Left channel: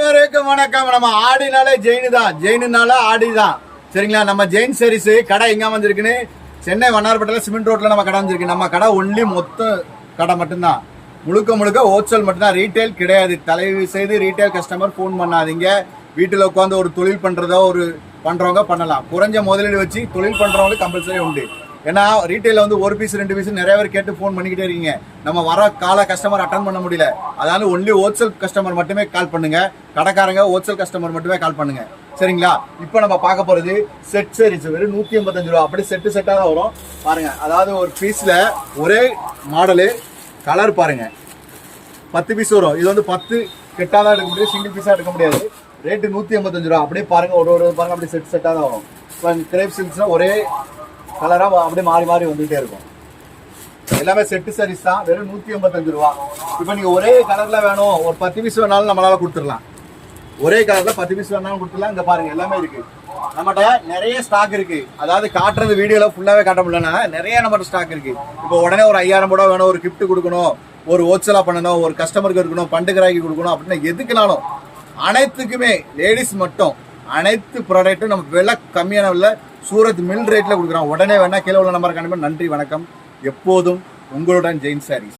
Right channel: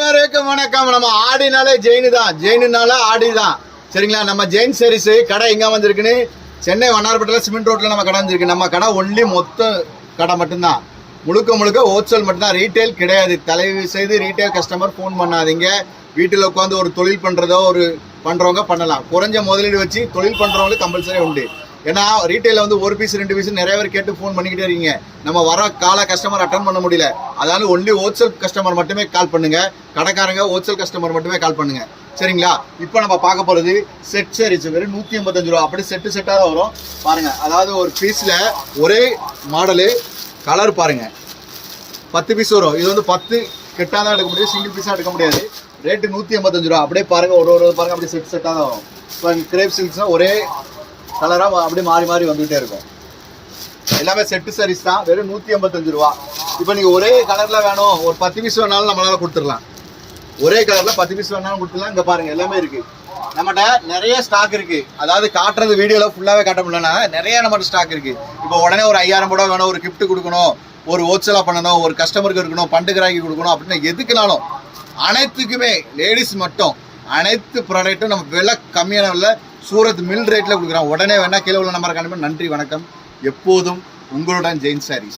வணக்கம். நம்ம ஆடினாலே ஜெயின் தான், ஜெயினுனால ஆடி தான். சரிங்களா? நம்ம ஜெயின் சாரீஸ் கடை எங்க வந்திருக்குன்னு சென்னை வண்ணாரப்பேட்டையில் சிமெண்ட் ரோட்ல நம்ம கடை வந்திருக்கு. நம்ம கடை ஒன்லி மொத்த கடை மட்டும்தான், முழுக்க ஹோல்சேல் மட்டும்தான், ரீட்டைல் கிடையாது. தயவு செய்து ரீட்டைல் கஸ்டமர் ஃபோன் பண்ணாதீங்க. வீட்டில் உட்காந்து ஒரு தொழில் பண்ணுறதோ பண்ணுறவங்க பண்ணலாம். குறைஞ்ச முதலீடு வச்சு தொழில் பண்ணுறவங்களுக்கு கம்பல்சரி உண்டு. ஏன்னா ரீட்டைலில் வந்து ஒரு பீஸ் 2 பீஸ் நிறைய பேர் கேட்டு ஃபோன் பண்ணிக்கிட்டே இருக்கீங்க. நம்ம வர கஸ்டமர் அட்டன் பண்ண முடியல. அதனால ஒன்லி ஹோல்சேல் கஸ்டமர் மட்டுமே கால் பண்ணுங்க. கடைக்காரங்க ஹோல்சேல் கஸ்டமர் மட்டுமே கால் பண்ணுங்க. சரிங்களா? இப்போ நம்ம பார்க்க போகிறது செட் சாரீஸ். வெறும் 185 ரூபா. அப்படி செட்டாக தான் வரும் பாருங்க. அதாவது ஒரு பீஸில் ஒரே மாடலு கலர் பாருங்க. 10 பீஸ் வரும். இது வந்து 10 கெட்டாக தான் எடுக்க முடியும், சிங்கிள் பீஸாக எடுக்க முடியாது. ரேட்டு 185 ரூபா. அப்படியே பாருங்க, ஒரு பாருங்க, அப்படியே செட்டாக தான் வரும். இப்போ கிரேப் சில்க்ஸ்னால் ஒரே கலராக அப்படியே மாறி வந்துகிட்டே இருக்கும். எல்லாமே செட்டு சாரீஸ் தான். வெறும் 185 ரூபா. இப்போ நீங்கள் ஒரே கலரில் வேணும், ஒரு 10 பீஸ் வேணாலும் நம்மளால் கொடுத்துடலாம். ஒரே கலரில் 10 பீஸ் வேணாலும் கொடுத்துடலாம். இங்கே பாருங்கள், எல்லாமே இருக்குது. நம்மகிட்ட நிறைய ஸ்டாக் இருக்குது. அதாவது காட்டுறது வீடியோவில் ஃபுல்லாகவே காட்ட முடியலன்னா நிறைய நம்மகிட்ட ஸ்டாக் இருக்குது. இப்போ உடனே ஒரு 5000 ரூபா வேணும், ஒரு கிஃப்ட் கொடுக்கணும், ஒரு ஹோல்சேலாக பண்ணணும், ஒரு கஸ்டமருக்கு இருக்கணும், பண்டுகராக்கி கொடுக்கணும் அப்படின்னு எதுக்குனாலும் அனைத்துக்குமே லேடிஸ் மட்டும் அனைத்து ப்ராடக்ட்டும் நம்ம விலை கம்மியான விலை சூரத் மில் ரேட்டில் கொடுக்குறோம். உடனே வேணால் கீழே உள்ள நம்பரை காணுமே. நன்றி, வணக்கம். எப்போதும் உங்களுடன் ஜெயின் சாரீஸ்.